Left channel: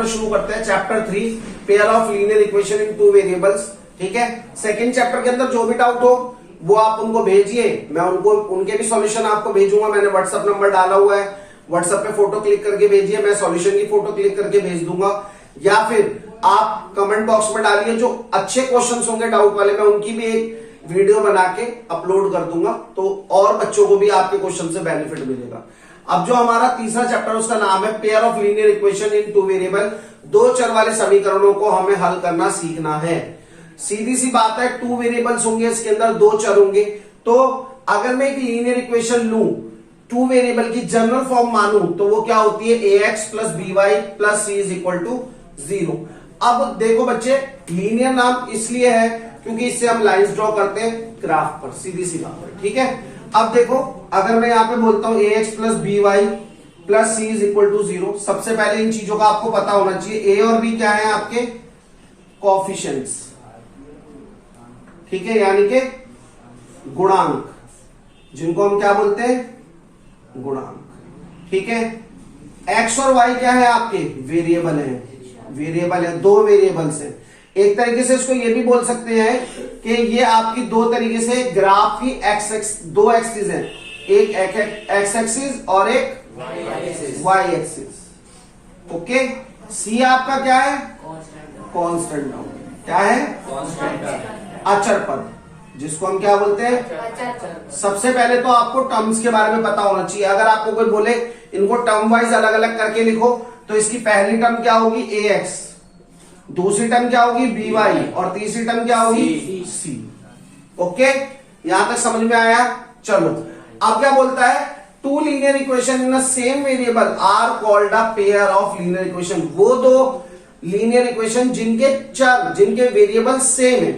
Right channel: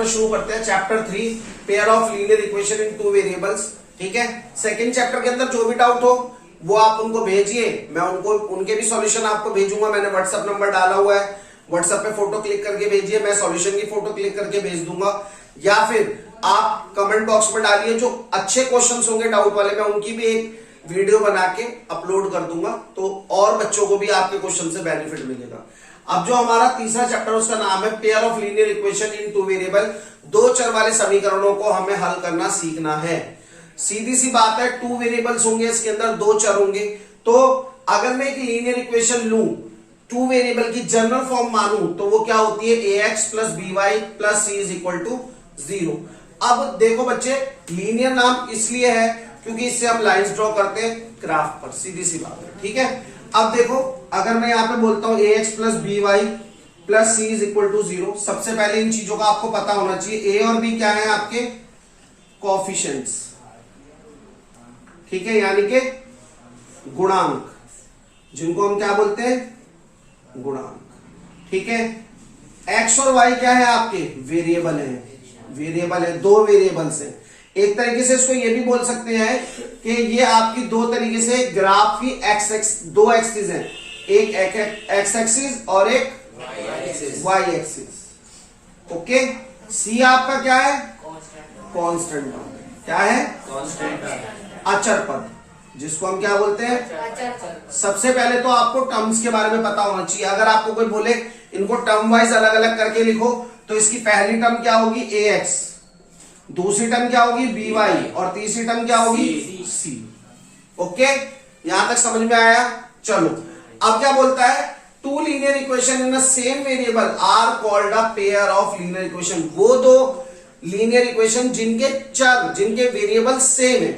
Chapter शुरू करते हैं, chapter 3 pair of linear equation in two variables. ठीक है, सेकंड चैप्टर के अंदर जो भी डाउट हो वो आप उनको भेजिए, मैं उनको उनके भी सॉल्यूशन आपको भेजूंगा। मैंने व्हाट्सएप नंबर डाला हुआ है, व्हाट्सएप पे फोटो क्लिक करके भेजिए, मैं सॉल्यूशन की फोटो क्लिक करके भेज दूंगा। या फिर आप कमेंट बॉक्स में डालिए, जो अच्छे क्वेश्चंस होंगे डाउट वाले, मैं उनकी भी एक वीडियो बना के अपलोड कर दूंगा, तो और बच्चों को भी आपके क्वेश्चन से बेनिफिट मिलेगा। अब जो हमारा तीसरा चैप्टर उसका नाम है pair of linear equation in two variable. दो चर वाले समीकरणों को हमें हल करना सीखना है। सीधी सी बात है, टू वेरिएबल्स होंगे, इसके अंदर दो चर होंगे। तो अगर मैं एक लीनियर इक्वेशन लूं, टू वेरिएबल की जनरल फॉर्म मानूं, तो वो क्या होती है, ax plus by plus c is equal to 0। अब देखो बच्चे, लीनियर नाम इसलिए है क्योंकि इससे हम लाइंस ड्रॉ करते हैं ग्राफ पर, सीधी सी बात है। ठीक है, अब देखो, अगर मैं यहां पे बोलता हूं ax plus by plus c is equal to 0, सबसे पहले इन चीजों का आपको पता होना चाहिए। a और b क्या है आपके कोएफिशिएंट्स, ठीक है, यानी कि गुणांक, जिनको हम क्या बोलते हैं, गुणांक। ठीक है, x और y क्या है आपके वेरिएबल है, वेरिएबल है, दो वेरिएबल्स है। एक तरीके से इसको ये भी बोल सकते हैं कि ये आपकी दो तरीके से ग्राफ की दो एक्सिस हैं, एक एक्स एक्सिस और एक वाई एक्सिस। ओके, सी आपका क्या है, कांस्टेंट टर्म, क्या है, अचर पद, जिसको हम क्या बोलते हैं। सबसे पहले तो आपको टर्म्स के बारे में पता होना चाहिए। अगर आपको कोई बोले इनको टर्म वाइज अलग अलग करके लिखो, तो इसकी पहली टर्म क्या होगी, ax, दूसरी टर्म क्या होगी, by, और तीसरी टर्म क्या होगी, c। ओके, यहां तक समझ में आया। चलो, अब क्या बोलता है, two linear equation in same variable are called a pair of linear equation. वो दो लीनियर इक्वेशन जिनके चर, जिनके वेरिएबल सेम है,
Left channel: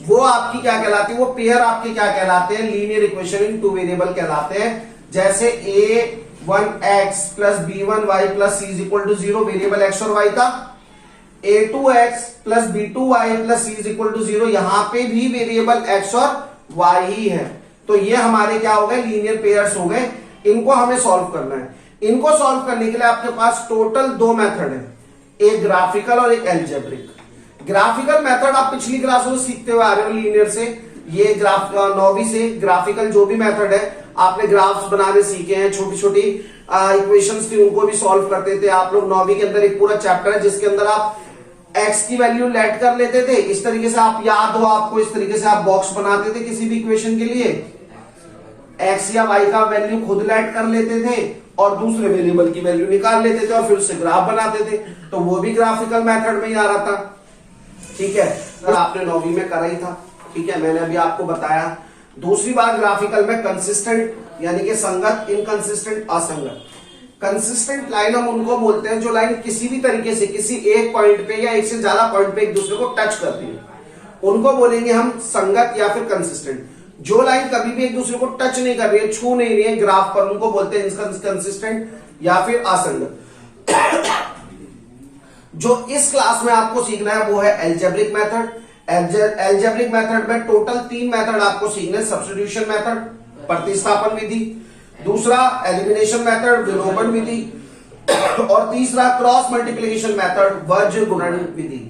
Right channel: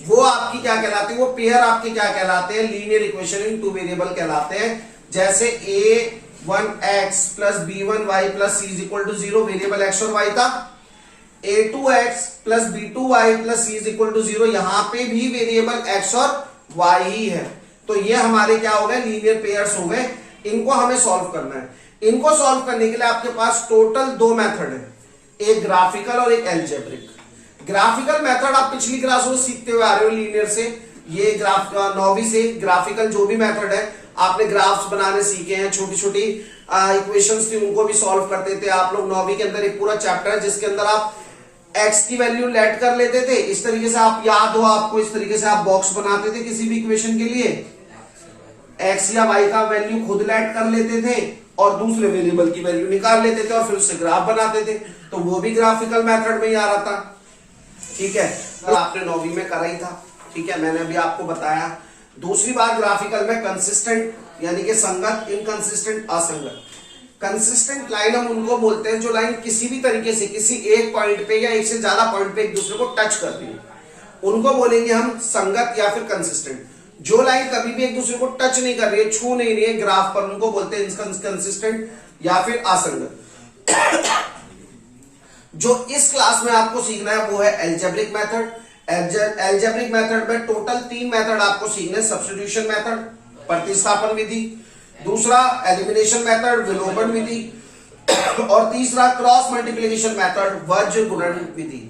वो आपकी क्या कहलाती है, वो पेयर आपके क्या कहलाते हैं, linear equation in two variable कहलाते हैं। जैसे a1x plus b1y plus c is equal to 0, variable x और y का, a2x plus b2y plus c is equal to 0, यहां पे भी वेरिएबल x और y ही है। तो ये हमारे क्या हो गए, लीनियर पेयर्स हो गए। इनको हमें सॉल्व करना है। इनको सॉल्व करने के लिए आपके पास टोटल दो मेथड है, एक ग्राफिकल और एक एल्जेब्रिक। ग्राफिकल मेथड आप पिछली क्लास में सीखते हुए आ रहे हो लीनियर से, ये ग्राफ 9वीं से ग्राफिकल जो भी मेथड है, आपने ग्राफ्स बनाने सीखे हैं, छोटी छोटी इक्वेशंस थी उनको भी सॉल्व करते थे आप लोग। 9वीं के अंदर एक पूरा चैप्टर है जिसके अंदर आप x की वैल्यू लेट कर लेते थे, इस तरीके से आप याद हो आपको, इस तरीके से आप बॉक्स बनाते थे किसी भी इक्वेशन के लिए, x या y का वैल्यू खुद लेट कर लेते थे और दूसरे वेरिएबल की वैल्यू निकाल लेते थे और फिर उससे ग्राफ बनाते थे। तो वो भी ग्राफिकल मेथड में ही आ रहा था। ठीक है, तो आपने 9वीं में करा ही था। ठीक है, मैंने अभी आपको बताया। दूसरी बात, ग्राफिकल में कंसिस्टेंट यानी कि संगत, इनकंसिस्टेंट, असंगत। कंसिस्टेंट लाइन हम उनको बोलते हैं जो लाइन किसी भी तरीके से किसी एक पॉइंट पे या एक से ज्यादा पॉइंट पे एक दूसरे को टच करती है, उनको बोलेंगे हम संगत या फिर कंसिस्टेंट। जो लाइन कभी भी एक दूसरे को टच नहीं कर रही है, छू नहीं रही है ग्राफ पर, उनको बोलते हैं इनकंसिस्टेंट या फिर असंगत। जो इस क्लास में आपको सीखना है वो है एल्जेब्रिक मेथड। एल्जेब्रिक मेथड में टोटल 3 मेथड आपको सीखने हैं। सब्स्टिट्यूशन मेथड, प्रतिस्थापन विधि, दूसरा एलिमिनेशन मेथड, विलोपन विधि, और तीसरा क्रॉस मल्टीप्लिकेशन मेथड, वर्ज्य गुणन विधि।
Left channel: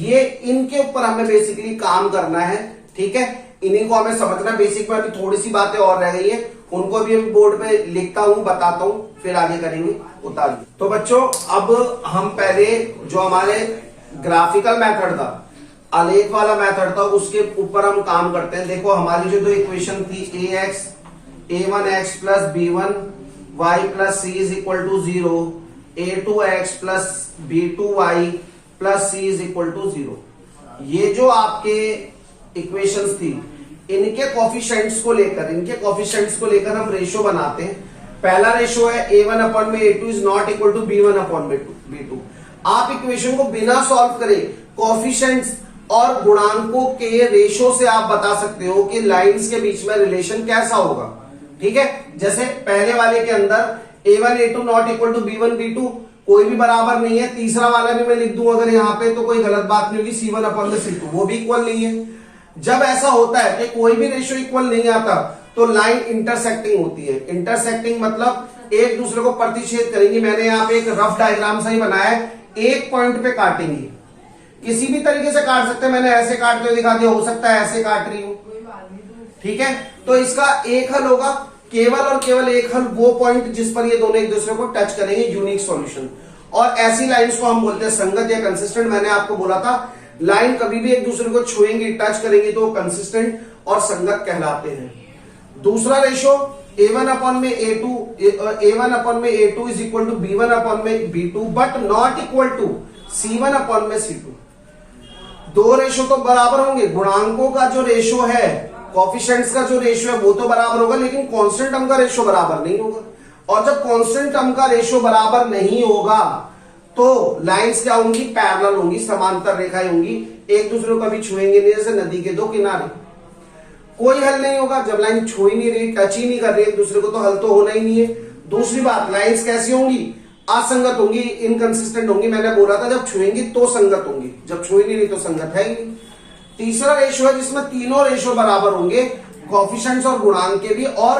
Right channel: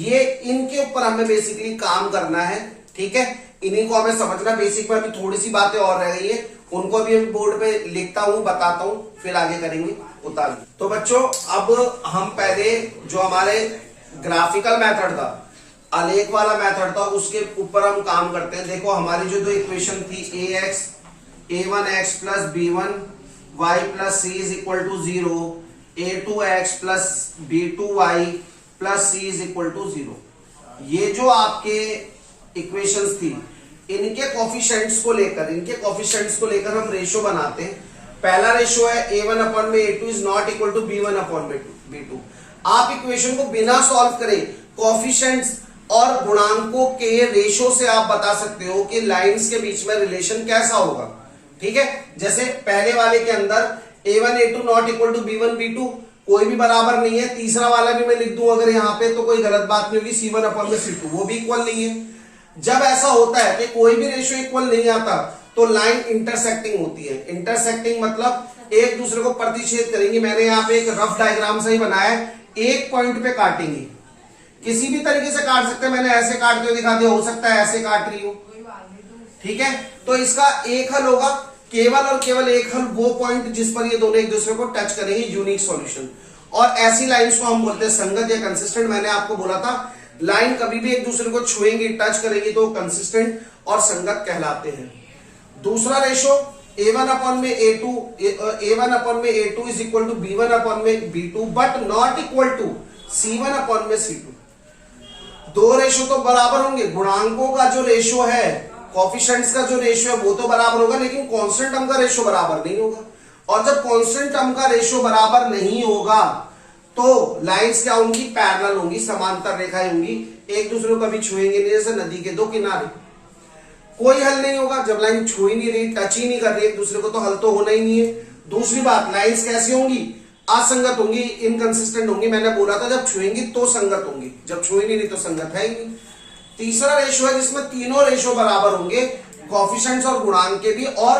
ये इनके ऊपर हमें बेसिकली काम करना है। ठीक है, इन्हीं को हमें समझना। बेसिक में अभी थोड़ी सी बातें और रह गई है, उनको भी हम बोर्ड पे लिखता हूं, बताता हूं, फिर आगे करेंगे उतार। तो बच्चों, अब हम पहले जो हमारे ग्राफिकल मेथड था, आलेख वाला मेथड था, उसके ऊपर हम काम करते हैं। देखो, हमारी जो दो इक्वेशन थी, a1x plus b1y plus c is equal to 0, a2x plus b2y plus c is equal to 0, ये जो आपके इक्वेशंस थी, इनके कोफिशिएंट्स को लेकर हम रेशो बनाते हैं। पहला रेशो है a1 अपॉन में a2 is not equal to b1 upon में b2। आप इक्वेशन को बिना सॉल्व करे कोफिशिएंट्स और गुणांकों के रेशो से आप बता सकते हो कि लाइंस के बीच में रिलेशन कैसा होगा। ठीक है, जैसे पहले वाले के अंदर a1 a2 not equal to b1 b2, कोई भी बराबर नहीं है। तीसरा वाला भी मैं लिख दूं अगर यहाँ पे, तो कोई गलत बात नहीं होगी, c1 अपॉन में c2, वो भी इक्वल नहीं है। जब ऐसा होता है कि कोई भी रेशियो इक्वल नहीं आता, तो लाइन इंटरसेक्टिंग होती है। इंटरसेक्टिंग मतलब एक दूसरे को प्रतिच्छेद करेंगी। मैंने यहाँ पे एक रफ डायग्राम सा ही बनाया है, एक पॉइंट पे काटेंगे, किसी भी तरीके से काट सकते हैं, मैंने ऐसे काटते हुए दिखा दिया, हो सकता है ऐसे काट रही हूं, ठीक है। तो इसका एक हल होगा, केवल और केवल एक हल, वो पॉइंट जिस पर ये दोनों एक दूसरे को टच करेंगे, यूनिक सॉल्यूशन। और ऐसी लाइंस को हम बोलते हैं संगत या कंसिस्टेंट। मैंने आपको बोला था लाइन कभी भी एक दूसरे को छुएंगी, टच करेगी तो कंसिस्टेंट और संगत कहलाते हैं। दूसरा रेशो A1 अपॉन में A2, A1 अपॉन में A2 is equal to B1 upon में B2 but not equal to C1 upon में C2। दो रेशो तो बराबर होंगे, गुणांकों का जो रेशो है, कोफिशिएंट्स का जो रेशो है वो तो बराबर होगा, लेकिन कांस्टेंट टर्म का रेशो बराबर नहीं होगा। और जब कांस्टेंट टर्म का रेशो बराबर नहीं होगा तो लाइंस क्या होंगी, पैरेलल होंगी, समांतर रेखाएं होंगी, एक दूसरे को कभी छुएंगे नहीं, जैसे नदी के दो किनारे। कोई हल नहीं होगा जब लाइन छू ही नहीं रही, टच ही नहीं कर रही एक दूसरे को, तो हल तो होना ही नहीं है। दूसरी बात, लाइंस कैसी होंगी, असंगत होंगी, इनकंसिस्टेंट होंगी। मैंने बोला था जब छुएंगी तो संगत होंगी, जब छुई नहीं रही तो संगत है ही नहीं। तीसरा रेशो है जिसमें तीनों रेशो बराबर होंगे, कोफिशिएंट्स और गुणांक के भी और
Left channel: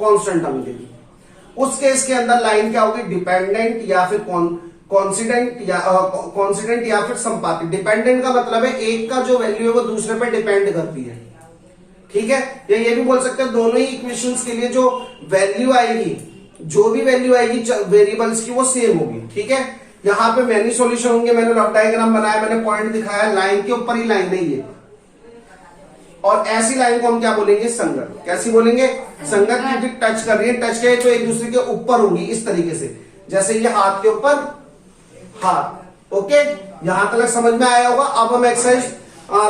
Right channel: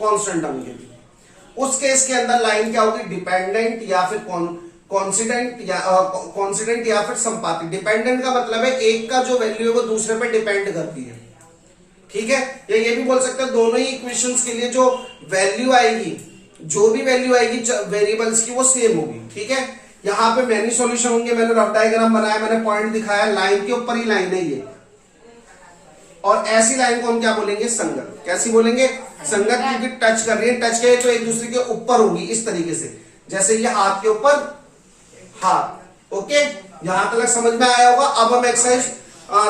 कांस्टेंट टर्म के भी। उस केस के अंदर लाइन क्या होगी, डिपेंडेंट या फिर कॉन्सिडेंट या फिर संपातिक। डिपेंडेंट का मतलब है एक का जो वैल्यू है वो दूसरे पर डिपेंड करती है, ठीक है। या ये भी बोल सकते हैं दोनों ही इक्वेशंस के लिए जो वैल्यू आएगी, जो भी वैल्यू आएगी वेरिएबल्स की, वो सेम होगी, ठीक है। यहां पे मैनी सॉल्यूशन होंगे, मैंने रफ डायग्राम बनाया, मैंने पॉइंट दिखाया, लाइन के ऊपर ही लाइन है ये। और ऐसी लाइन को हम क्या बोलेंगे, संगत। कैसी बोलेंगे, संगत, क्योंकि टच कर रही है, टच के तो एक दूसरे के ऊपर होगी इस तरीके से, जैसे ये हाथ के ऊपर हाथ। ओके, यहां तक समझ में आया होगा। अब हम एक्सरसाइज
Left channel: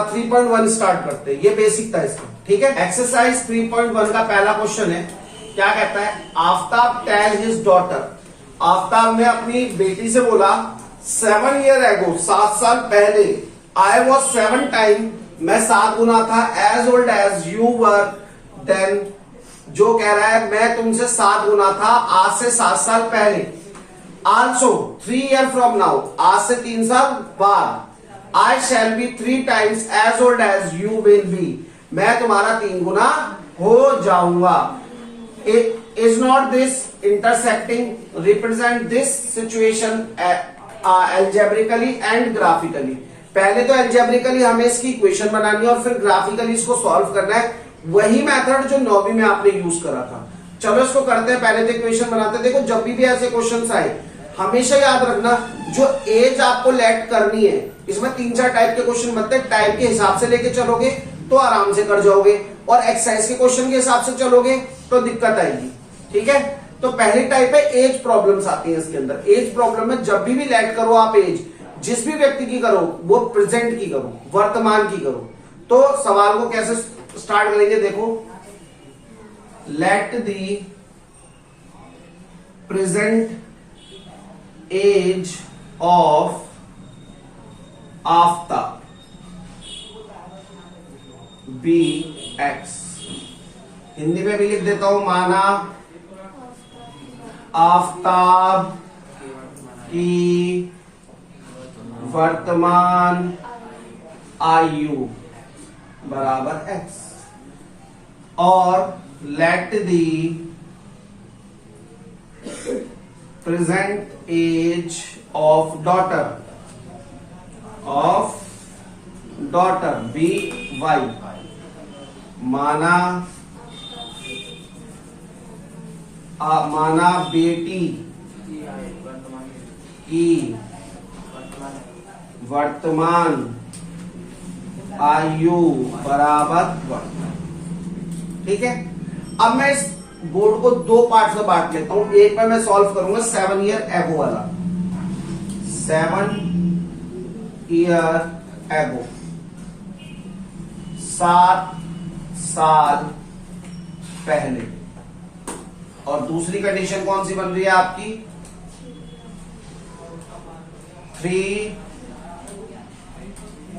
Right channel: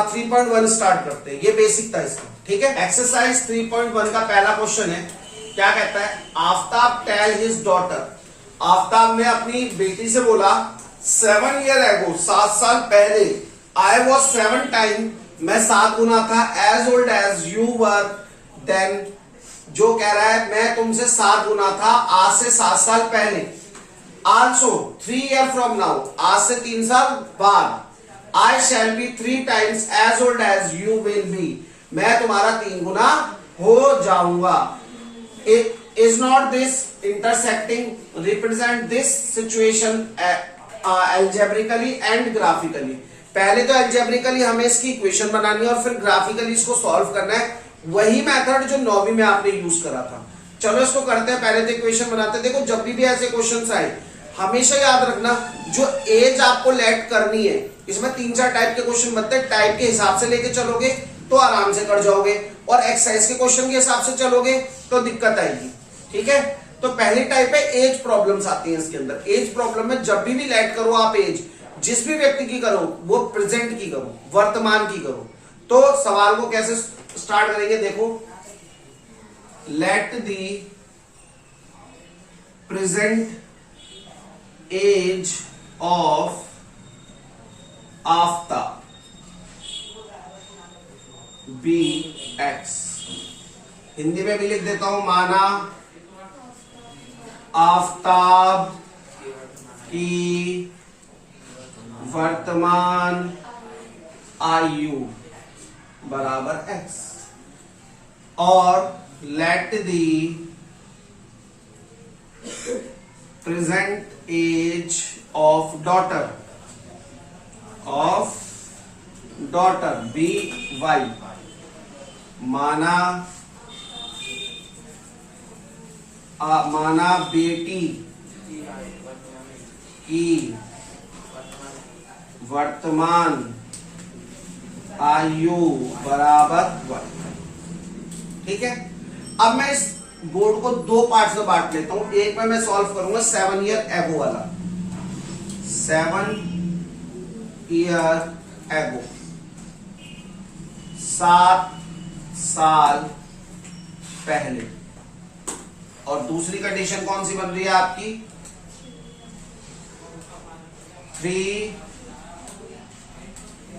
3.1 स्टार्ट करते हैं, ये बेसिक था इसका, ठीक है। एक्सरसाइज 3.1 का पहला क्वेश्चन है, क्या कहता है, Aftab tell his daughter. Aftab ने अपनी बेटी से बोला 7 ईयर एगो, 7 साल पहले, आई वॉज 7 टाइम, मैं 7 गुना था, as old as you were then. जो कह रहा है मैं तुमसे 7 गुना था आज से 7 साल पहले। आल्सो 3 ईयर फ्रॉम नाउ, आज से 3 साल बाद, I shall be 3 times as old as you will be, मैं तुम्हारा 3 गुना हो जाऊंगा। Is not this intersecting represent this situation algebraically and graphically. पहले तो एल्जेब्रिकली हमें इसकी इक्वेशन बनानी है और फिर ग्राफिकली इसको सॉल्व करना है, वही मेथड जो 9वीं में आपने यूज करा था। चलो इसको करते हैं, पहले तो इक्वेशन बनाते हैं। देखो जब भी ऐसे क्वेश्चन आए हमेशा याद रखना, जो एज आपको लेट करनी है, इसमें 3-4 टाइप के क्वेश्चन बनते हैं, टाइप के हिसाब से लेके चलोगे तो आराम से कर जाओगे, और एक्सरसाइज के क्वेश्चन के हिसाब से चलोगे तो दिक्कत आएगी, ठीक है। तो पहली टाइप है एज प्रॉब्लम्स आती है इसके अंदर। एज प्रॉब्लम में जब भी लेट करो आप एज, जिस भी व्यक्ति की करो वो प्रेजेंट की करो, वर्तमान की करो। तो सवाल को कैसे स्टार्ट करेंगे, देखो, let the present age of Aftab be x. Hindi में भी लिख देता हूं, माना आफ्ताब की वर्तमान आयु बराबर x, और let the present age of daughter be y. माना बेटी की वर्तमान आयु बराबर 1, ठीक है। अब मैं इस बोर्ड को 2 पार्ट में बांट लेता हूं। एक में मैं सॉल्व करूंगा 7 ईयर एगो वाला, 7 ईयर एगो, 7 साल पहले। और दूसरी कंडीशन कौन सी बन रही है आपकी, 3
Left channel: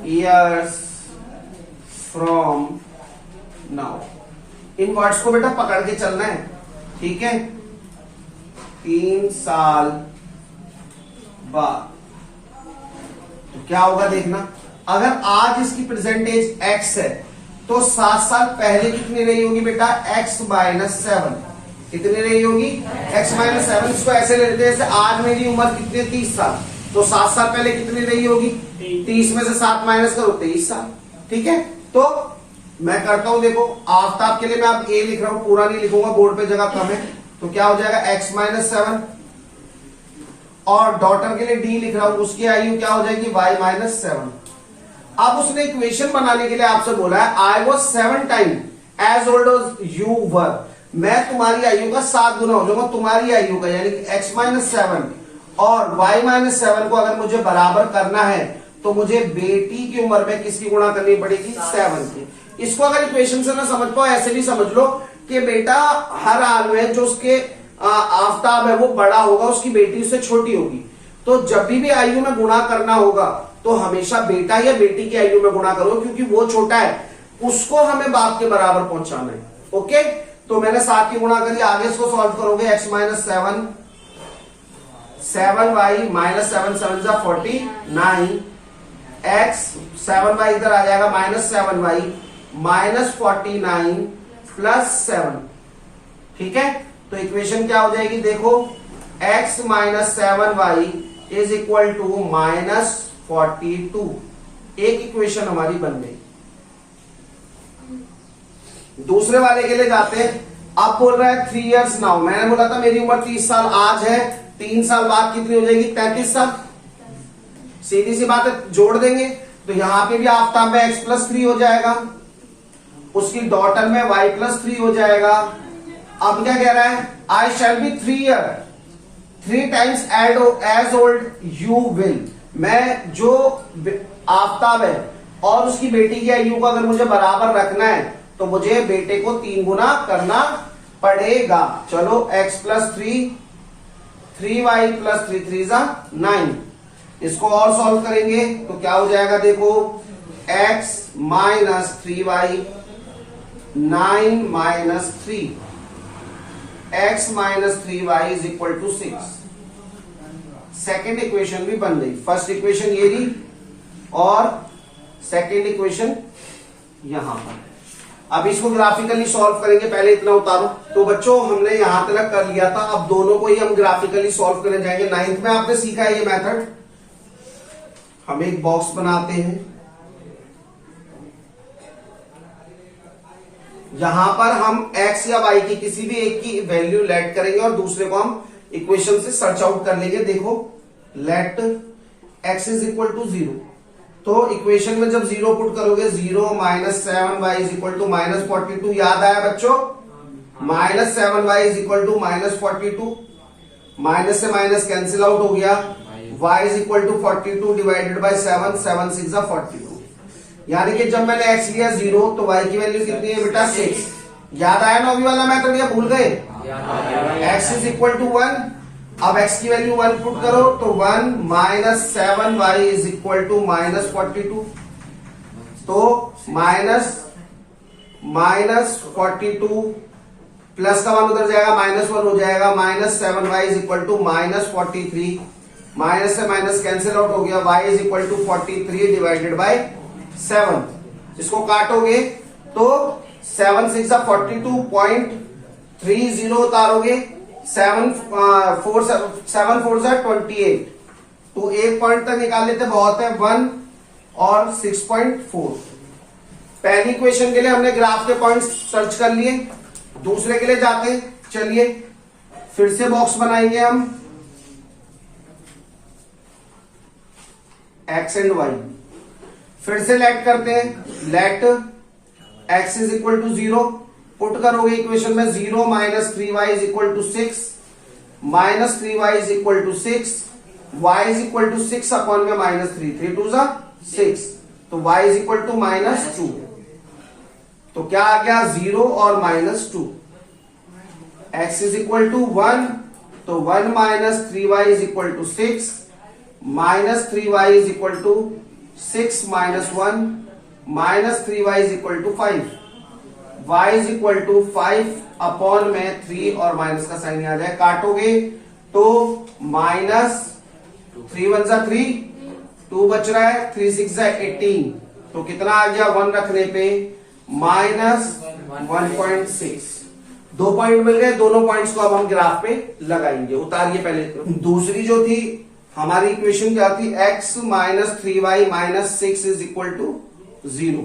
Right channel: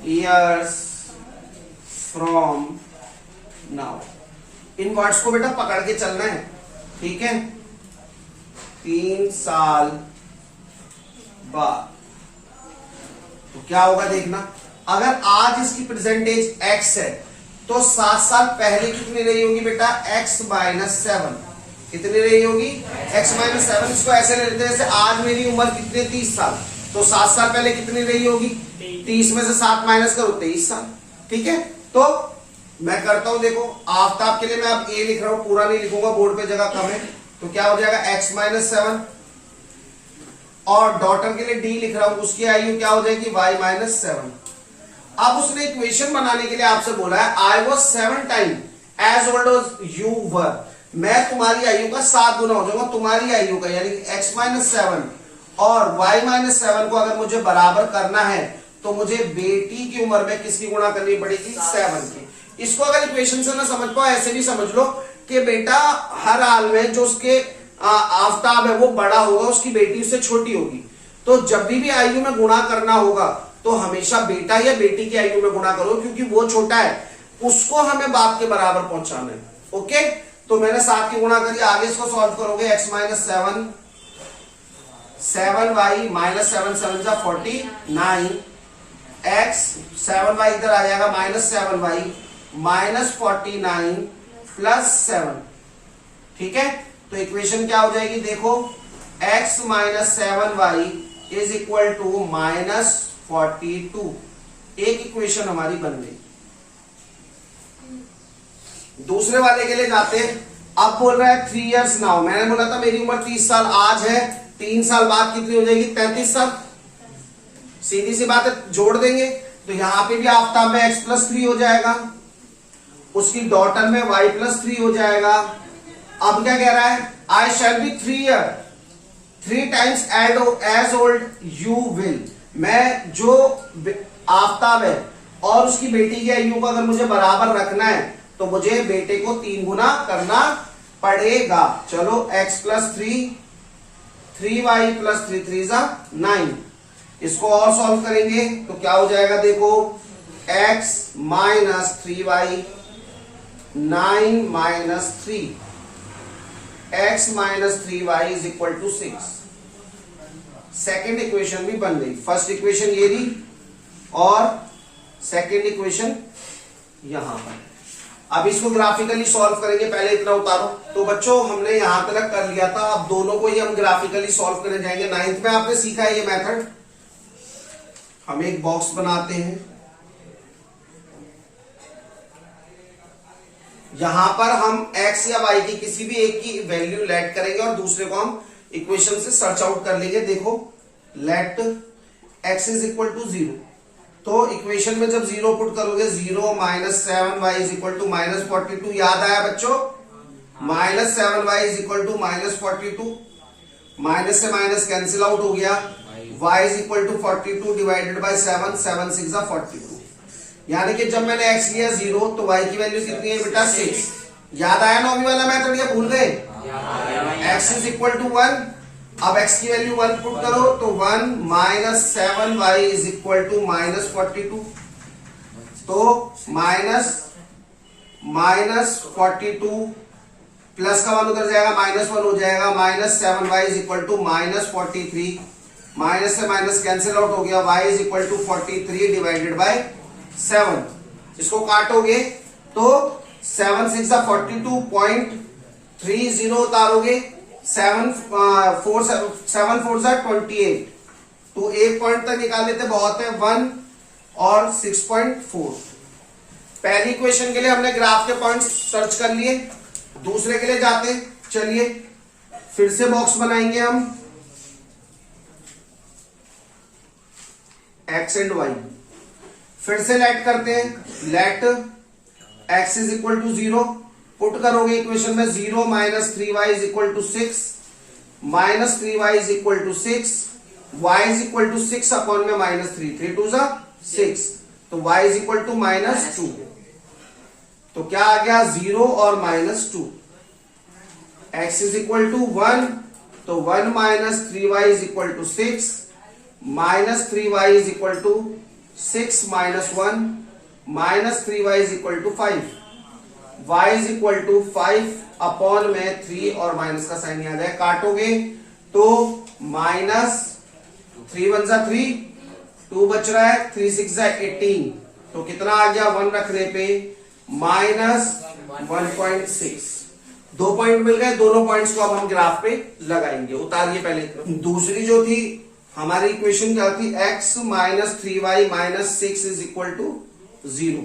years from now। In words को बेटा पकड़ के चलना है, ठीक है। 3 साल बाद तो क्या होगा देखना, अगर आज इसकी परसेंटेज x है तो 7 साल पहले कितनी रही होगी बेटा, x माइनस 7। कितनी रही होगी, x माइनस 7। इसको ऐसे लेते हैं जैसे आज मेरी उम्र कितनी, 30 साल, तो 7 साल पहले कितनी रही होगी? 30 में से 7 माइनस करो, 23 साल। ठीक है, तो मैं करता हूं, देखो आफ्ताब के लिए मैं अब ए लिख रहा हूं, पूरा नहीं लिखूंगा, बोर्ड पे जगह कम है। तो क्या हो जाएगा x माइनस 7, और डॉटर के लिए डी लिख रहा हूं, उसकी आयु क्या हो जाएगी? y minus 7। अब उसने इक्वेशन बनाने के लिए आपसे बोला है I was 7 time as old as you were, मैं तुम्हारी आयु का 7 गुना हो जाऊंगा तुम्हारी आयु का, यानी कि x माइनस 7 और y माइनस 7 को अगर मुझे बराबर करना है तो मुझे बेटी की उम्र में किसकी गुणा करनी पड़ेगी? 7 की। इसको अगर इक्वेशन से ना समझ पाओ, ऐसे भी समझ लो कि बेटा हर हाल में जो उसके आफ्ताब है वो बड़ा होगा, उसकी बेटी उससे छोटी होगी, तो जब भी आयु में गुणा करना होगा तो हमेशा बेटा या बेटी की आयु में गुणा करो, क्योंकि वो छोटा है, उसको हमें बाप के बराबर पहुंचाना है। ओके, तो मैंने 7 की गुणा करी, आगे इसको सॉल्व करोगे x माइनस 7, 7y माइनस 7 7 जा 49, x 7y इधर आ जाएगा माइनस 7y माइनस 49 प्लस 7। ठीक है, तो इक्वेशन क्या हो जाएगी? देखो x minus 7y is equal to minus 42। एक इक्वेशन हमारी बन गई। दूसरे वाले के लिए जाते हैं। अब बोल रहा है 3 इयर्स नाउ, मैंने बोला था मेरी उम्र 30 साल आज है, 3 साल बाद कितनी हो जाएगी? 33 साल। सीधी सी बात है, जोड़ देंगे तो यहां पे भी आफ्ताब में x प्लस 3 हो जाएगा, उसकी डॉटर में y प्लस 3 हो जाएगा। अब क्या कह रहा है? I shall be 3 year 3 times as old you will, मैं जो आफ्ताब है और उसकी बेटी की आयु को अगर मुझे बराबर रखना है तो मुझे बेटे को 3 गुना करना पड़ेगा। चलो x प्लस 3, 3y प्लस 3 3 जा 9, इसको और सॉल्व करेंगे तो क्या हो जाएगा? देखो x minus 3y 9 minus 3, x minus 3y is equal to 6। Second equation भी बन गई। फर्स्ट इक्वेशन ये थी और सेकेंड इक्वेशन यहां पर। अब इसको ग्राफिकली सॉल्व करेंगे, पहले इतना उतारो। तो बच्चों हमने यहां तक कर लिया था, अब दोनों को ही हम ग्राफिकली सॉल्व करने जाएंगे। 9th में आपने सीखा है ये मेथड। हम एक बॉक्स बनाते हैं, यहां पर हम x या y की किसी भी एक की वैल्यू लेट करेंगे और दूसरे को हम इक्वेशन से सर्च आउट कर लेंगे। देखो let x is equal to 0, तो इक्वेशन में जब 0 पुट करोगे 0 minus 7y is equal to minus 42, याद आया बच्चों? Minus 7y is equal to minus 42, minus से माइनस कैंसिल आउट हो गया, y is equal to 42 divided by 7, 7 6 42, यानी कि जब मैंने x लिया 0 तो y की वैल्यू कितनी है बेटा? 6। याद आया ना अभी वाला मेथड या भूल गए? x इज इक्वल टू 1, अब x की वैल्यू 1 पुट करो तो 1 minus 7y is equal to minus 42, तो माइनस 42 प्लस का 1 उधर जाएगा, माइनस 1 हो जाएगा, minus 7y is equal to minus 43, minus से माइनस कैंसिल आउट हो गया, y is equal to 43 divided by 7। इसको काटोगे तो 7 6 42.30 उतारोगे, 7 4 जा 28, तो एक पॉइंट तक निकाल लेते बहुत है, 1 और 6.4। पहली क्वेश्चन के लिए हमने ग्राफ के पॉइंट्स सर्च कर लिए, दूसरे के लिए जाते हैं। चलिए फिर से बॉक्स बनाएंगे हम, x एंड y फिर से लेट करते हैं। Let x is equal to 0 put करोगे इक्वेशन में, 0 minus 3y is equal to 6, minus 3y is equal to 6, y is equal to 6 upon में माइनस 3, 3 2 जा 6, तो y is equal to minus 2। तो क्या आ गया? 0 और minus 2। x is equal to 1, तो 1 minus 3y is equal to 6, minus 3y is equal to 6 minus 1, minus 3y is equal to 5, y is equal to 5 upon में 3 और minus का sign आ जाए, काटोगे तो माइनस 3 1 जा 3, 2 बच रहा है, 3 6 जा 18, तो कितना आ गया 1 रखने पे? माइनस 1.6। 2 पॉइंट मिल गए, दोनों पॉइंट्स को अब हम ग्राफ पे लगाएंगे। उतारिए पहले। दूसरी जो थी हमारी इक्वेशन क्या थी, x minus 3y minus 6 is equal to 0।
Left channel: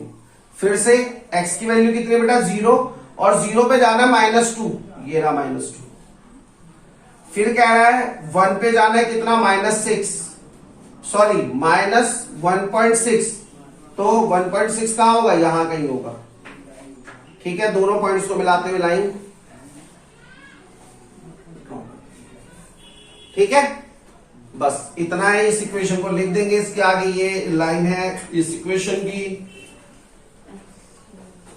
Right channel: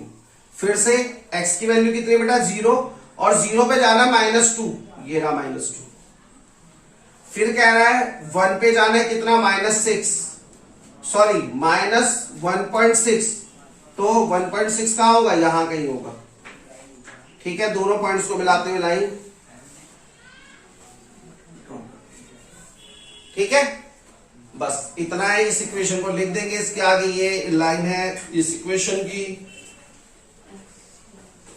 फिर से x की वैल्यू कितनी है बेटा, 0, और 0 पे जाना -2, ये रहा -2। फिर कह रहा है 1 पे जाना है कितना, -6, सॉरी -1.6, तो 1.6 कहां होगा, यहां कहीं होगा। ठीक है, दोनों पॉइंट्स को मिलाते हुए लाइन, ठीक है, बस इतना है। इस इक्वेशन को लिख देंगे, इसके आगे ये लाइन है इस इक्वेशन की,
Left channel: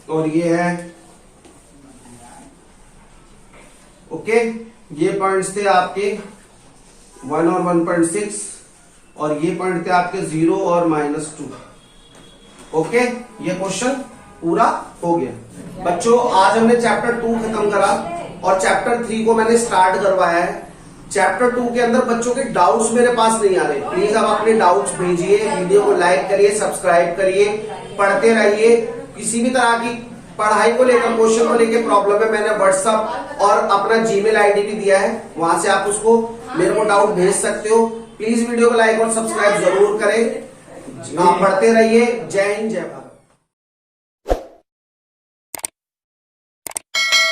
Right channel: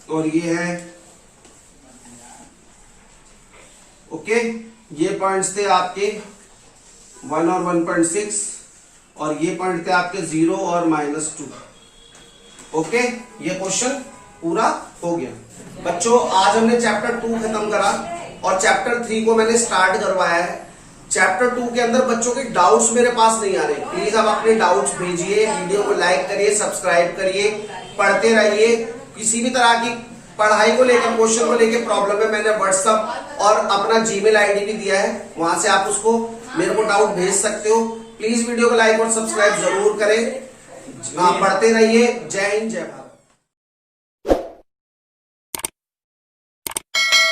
और ये है, ओके। ये पॉइंट्स थे आपके 1 और 1.6, और ये पॉइंट थे आपके 0 और -2। ओके, ये क्वेश्चन पूरा हो गया बच्चों। आज हमने चैप्टर 2 खत्म करा और चैप्टर 3 को मैंने स्टार्ट करवाया है। चैप्टर 2 के अंदर बच्चों के डाउट्स मेरे पास नहीं आ रहे, प्लीज आप अपने डाउट्स भेजिए, वीडियो को लाइक करिए, सब्सक्राइब करिए, पढ़ते रहिए। किसी भी तरह की पढ़ाई को लेकर, क्वेश्चन को लेकर प्रॉब्लम है, मैंने व्हाट्सएप और अपना जीमेल आईडी भी दिया है, वहां से आप उसको मेरे को डाउट भेज सकते हो। प्लीज वीडियो को लाइक और सब्सक्राइब जरूर करें, पढ़ते रहिए। जय हिंद, जय भारत।